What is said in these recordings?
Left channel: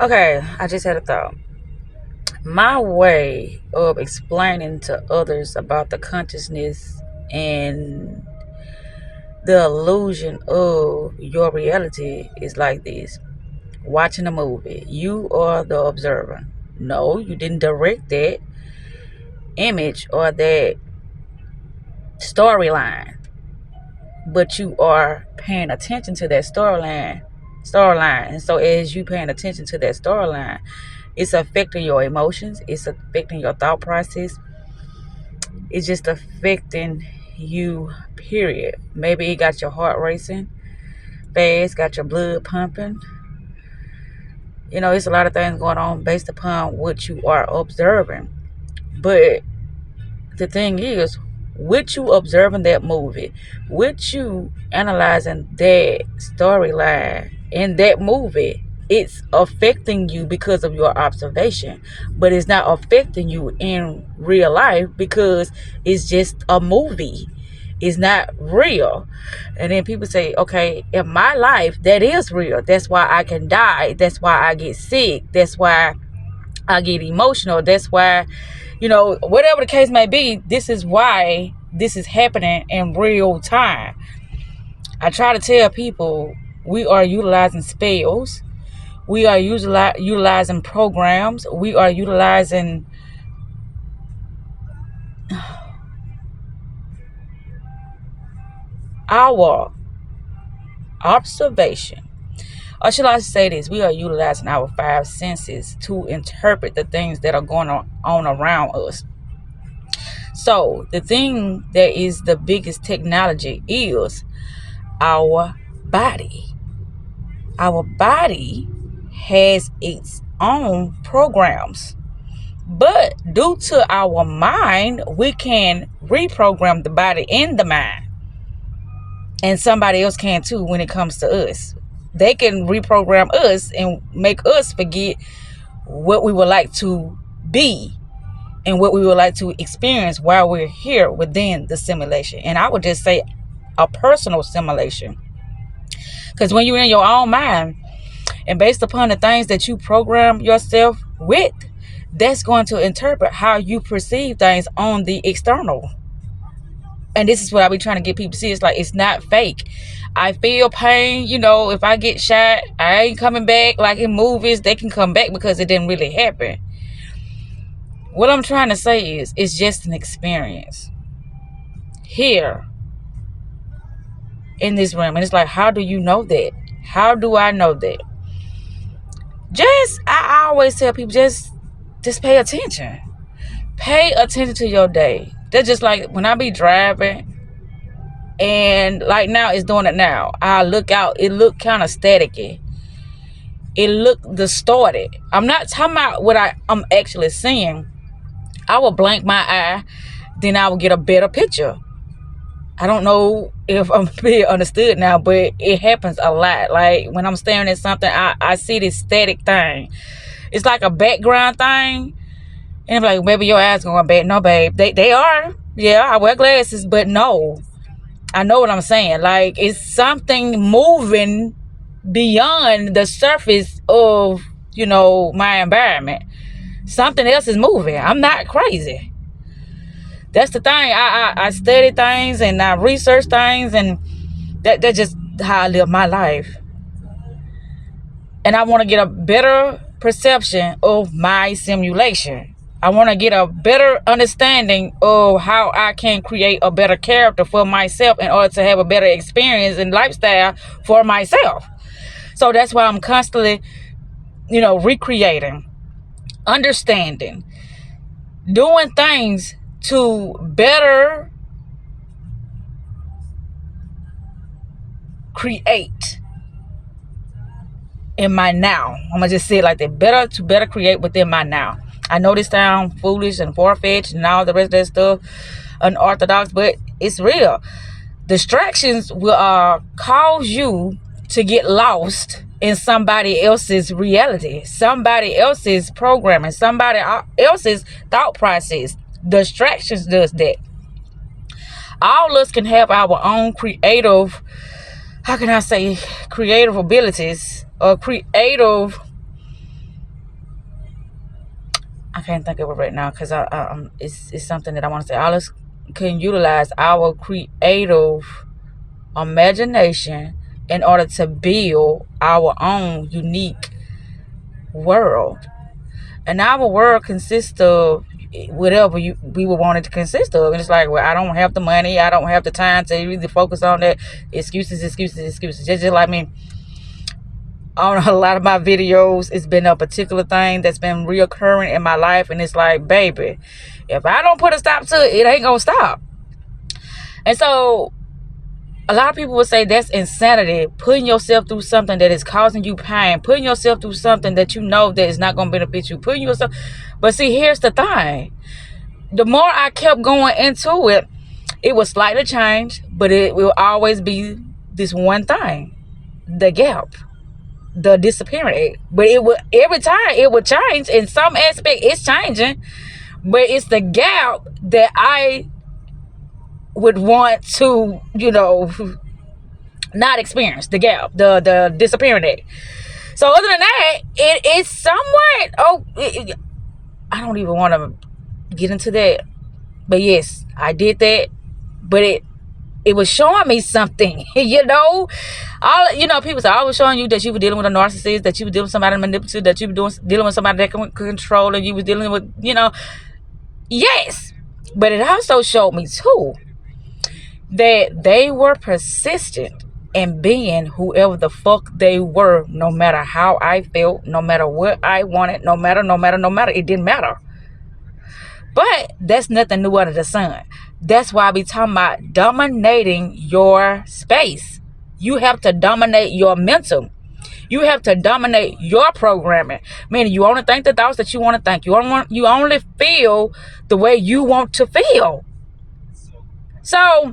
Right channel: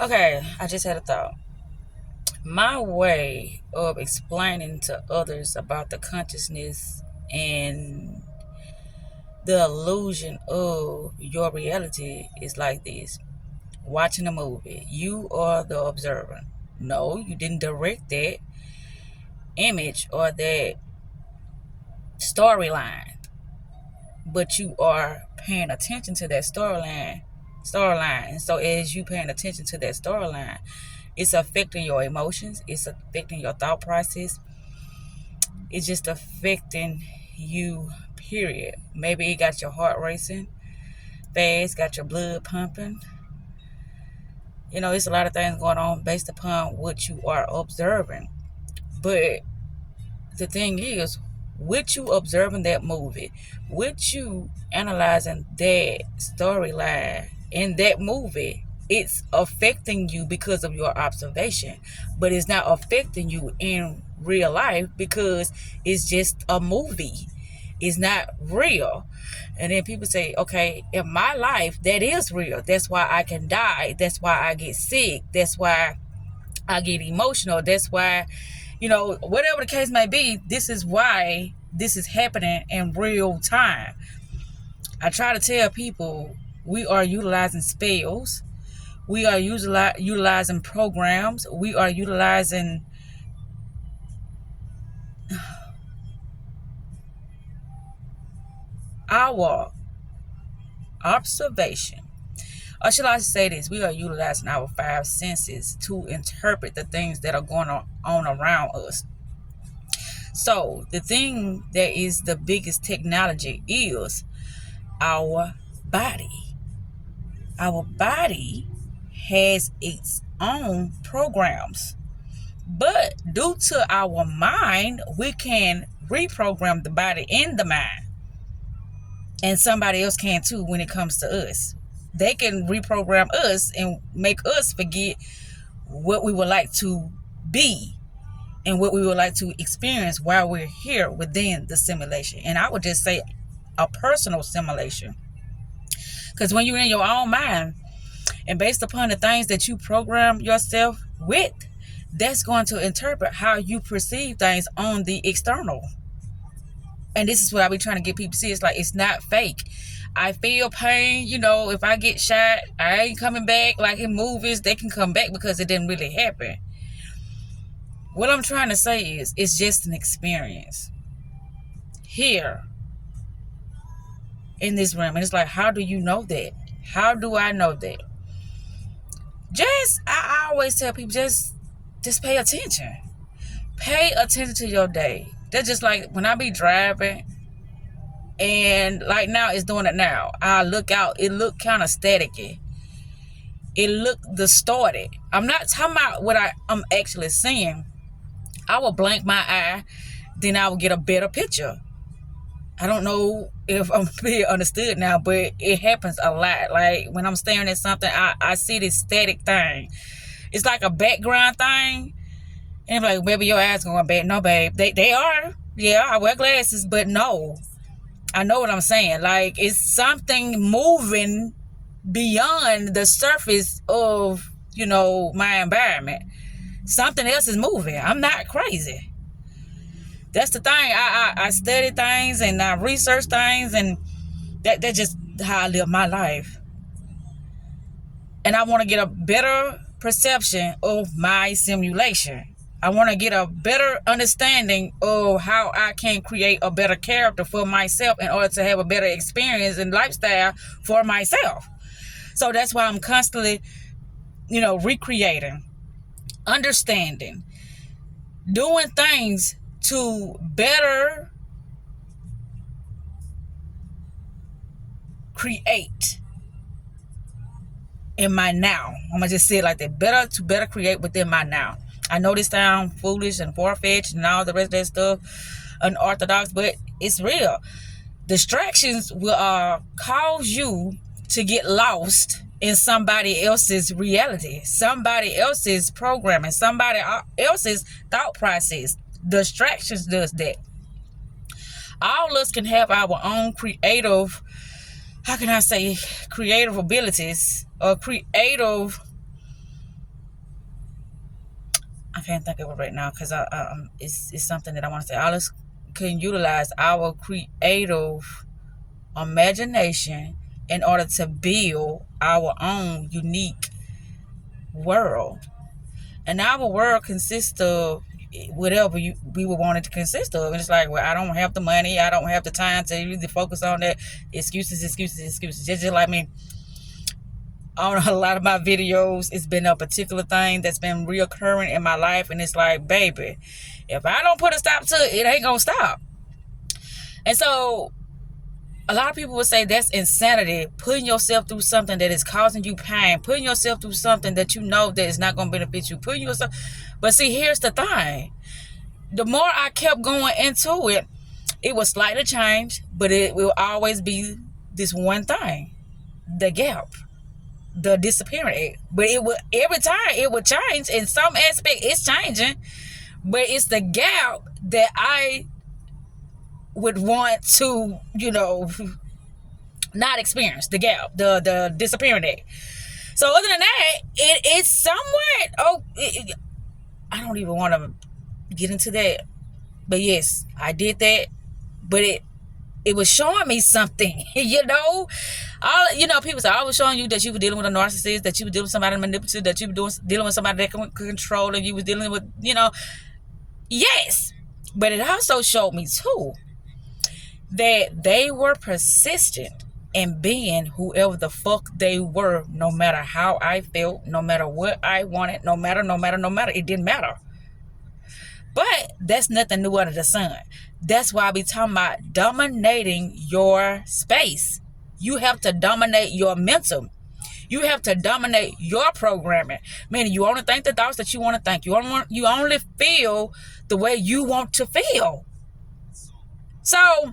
Okay, I just had a thought. My way of explaining to others about the consciousness and the illusion of your reality is like this. Watching a movie, you are the observer. No, you didn't direct that image or that storyline, but you are paying attention to that storyline. And so as you paying attention to that storyline, it's affecting your emotions, it's affecting your thought process, it's just affecting you, period. Maybe it got your heart racing fast, got your blood pumping. It's a lot of things going on based upon what you are observing. But the thing is, with you observing that movie, with you analyzing that storyline in that movie, it's affecting you because of your observation, but it's not affecting you in real life because it's just a movie. It's not real. And then people say, okay, in my life, that is real. That's why I can die. That's why I get sick. That's why I get emotional. That's why, whatever the case may be, this is why this is happening in real time. I try to tell people we are utilizing spells. We are utilizing programs. We are utilizing our observation. Or should I say this? We are utilizing our five senses to interpret the things that are going on around us. So the thing that is the biggest technology is our body. Our body has its own programs. But due to our mind, we can reprogram the body and the mind. And somebody else can too when it comes to us. They can reprogram us and make us forget what we would like to be and what we would like to experience while we're here within the simulation. And I would just say a personal simulation. Because when you're in your own mind, and based upon the things that you program yourself with, that's going to interpret how you perceive things on the external. And this is what I be trying to get people to see. It's like, it's not fake. I feel pain. If I get shot, I ain't coming back. Like in movies, they can come back because it didn't really happen. What I'm trying to say is, it's just an experience here in this room. And it's like, how do you know that? How do I know that? I always tell people, just pay attention. Pay attention to your day. That's just like when I be driving, and like now it's doing it now. I look out, it look kind of staticky. It look distorted. I'm not talking about what I'm actually seeing. I will blank my eye, then I will get a better picture. I don't know if I'm being understood now, but it happens a lot. Like when I'm staring at something, I see this static thing. It's like a background thing. And I'm like, maybe your eyes going bad. No, babe. They are. Yeah, I wear glasses, but no. I know what I'm saying. Like, it's something moving beyond the surface of, my environment. Something else is moving. I'm not crazy. That's the thing. I study things and I research things, and that's just how I live my life. And I want to get a better perception of my simulation. I want to get a better understanding of how I can create a better character for myself in order to have a better experience and lifestyle for myself. So that's why I'm constantly, recreating, understanding, doing things to better create in my now. I'm gonna just say it like that. Better create within my now. I know this sounds foolish and far-fetched and all the rest of that stuff, unorthodox, but it's real. Distractions will cause you to get lost in somebody else's reality, somebody else's programming, somebody else's thought process. Distractions does that. All of us can have our own creative, how can I say, creative abilities or creative can't think of it right now because it's something that I want to say. All us can utilize our creative imagination in order to build our own unique world. And our world consists of whatever we would want it to consist of. And it's like, well, I don't have the money, I don't have the time to really focus on that. Excuses. Just like me, on a lot of my videos, it's been a particular thing that's been reoccurring in my life, and it's like, baby, if I don't put a stop to it, it ain't gonna stop. And so a lot of people would say that's insanity, putting yourself through something that is causing you pain, putting yourself through something that you know that is not going to benefit you, putting yourself. But see, here's the thing. The more I kept going into it, it would slightly change, but it will always be this one thing, the gap, the disappearing. But it would, every time it would change. In some aspect, it's changing, but it's the gap that I would want to, not experience, the gap, the disappearing egg. So other than that, it is somewhat, I don't even want to get into that. But yes, I did that. But it was showing me something, people say, I was showing you that you were dealing with a narcissist, that you were dealing with somebody manipulative, that you were dealing with somebody that can control, and you were dealing with, yes. But it also showed me too that they were persistent in being whoever the fuck they were, no matter how I felt, no matter what I wanted, no matter, it didn't matter. But that's nothing new under the sun. That's why I be talking about dominating your space. You have to dominate your mental. You have to dominate your programming. Meaning you only think the thoughts that you want to think. You only feel the way you want to feel. So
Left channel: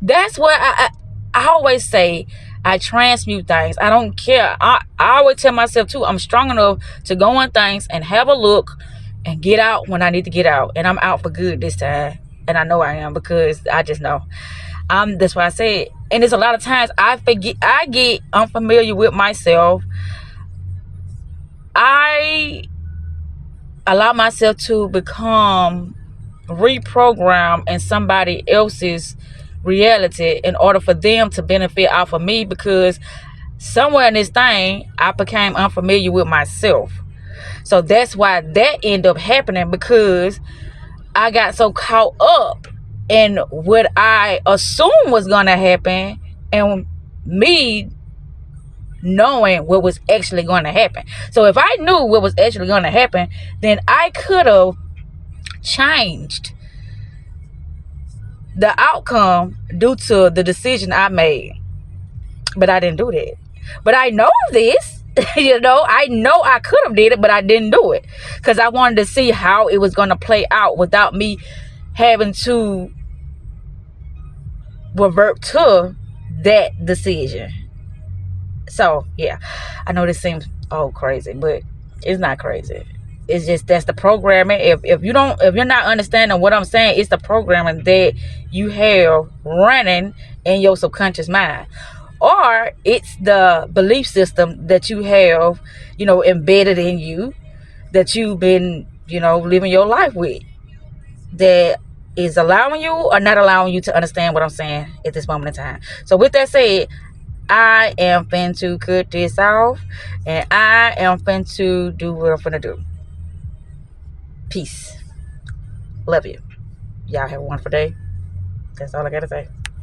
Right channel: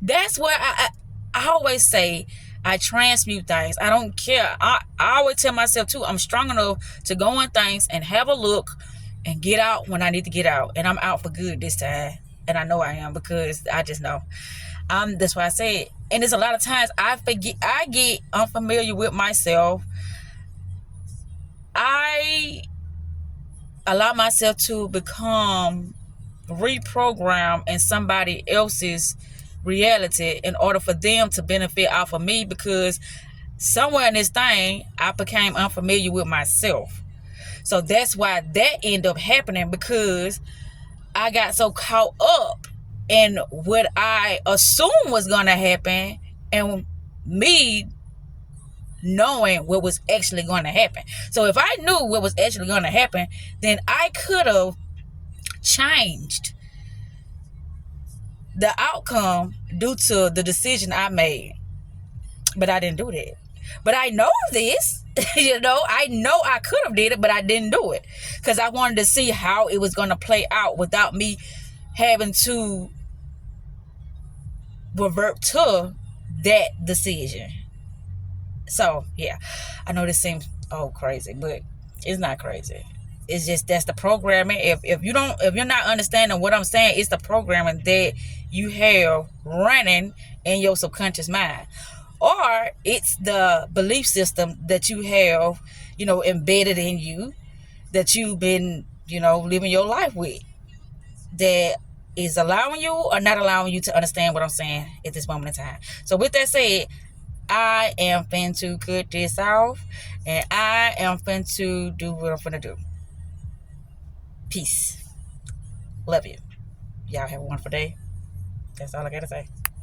that's what I always say. I transmute things. I don't care. I always tell myself too, I'm strong enough to go on things and have a look and get out when I need to get out. And I'm out for good this time. And I know I am, because I just know. That's why I say it. And there's a lot of times I get unfamiliar with myself. I allow myself to become reprogrammed in somebody else's reality in order for them to benefit off of me, because somewhere in this thing I became unfamiliar with myself. So that's why that ended up happening, because I got so caught up in what I assumed was gonna happen and me knowing what was actually going to happen. So if I knew what was actually going to happen, then I could have changed the outcome due to the decision I made. But I didn't do that. But I know this, I know I could have did it, but I didn't do it because I wanted to see how it was going to play out without me having to revert to that decision. So yeah, I know this seems crazy, but it's not crazy. It's just that's the programming. If you're not understanding what I'm saying, it's the programming that you have running in your subconscious mind, or it's the belief system that you have, embedded in you, that you've been, living your life with, that is allowing you or not allowing you to understand what I'm saying at this moment in time. So with that said, I am finna cut this off, and I am finna do what I'm finna do. Peace. Love you. Y'all have a wonderful day. That's all I gotta say.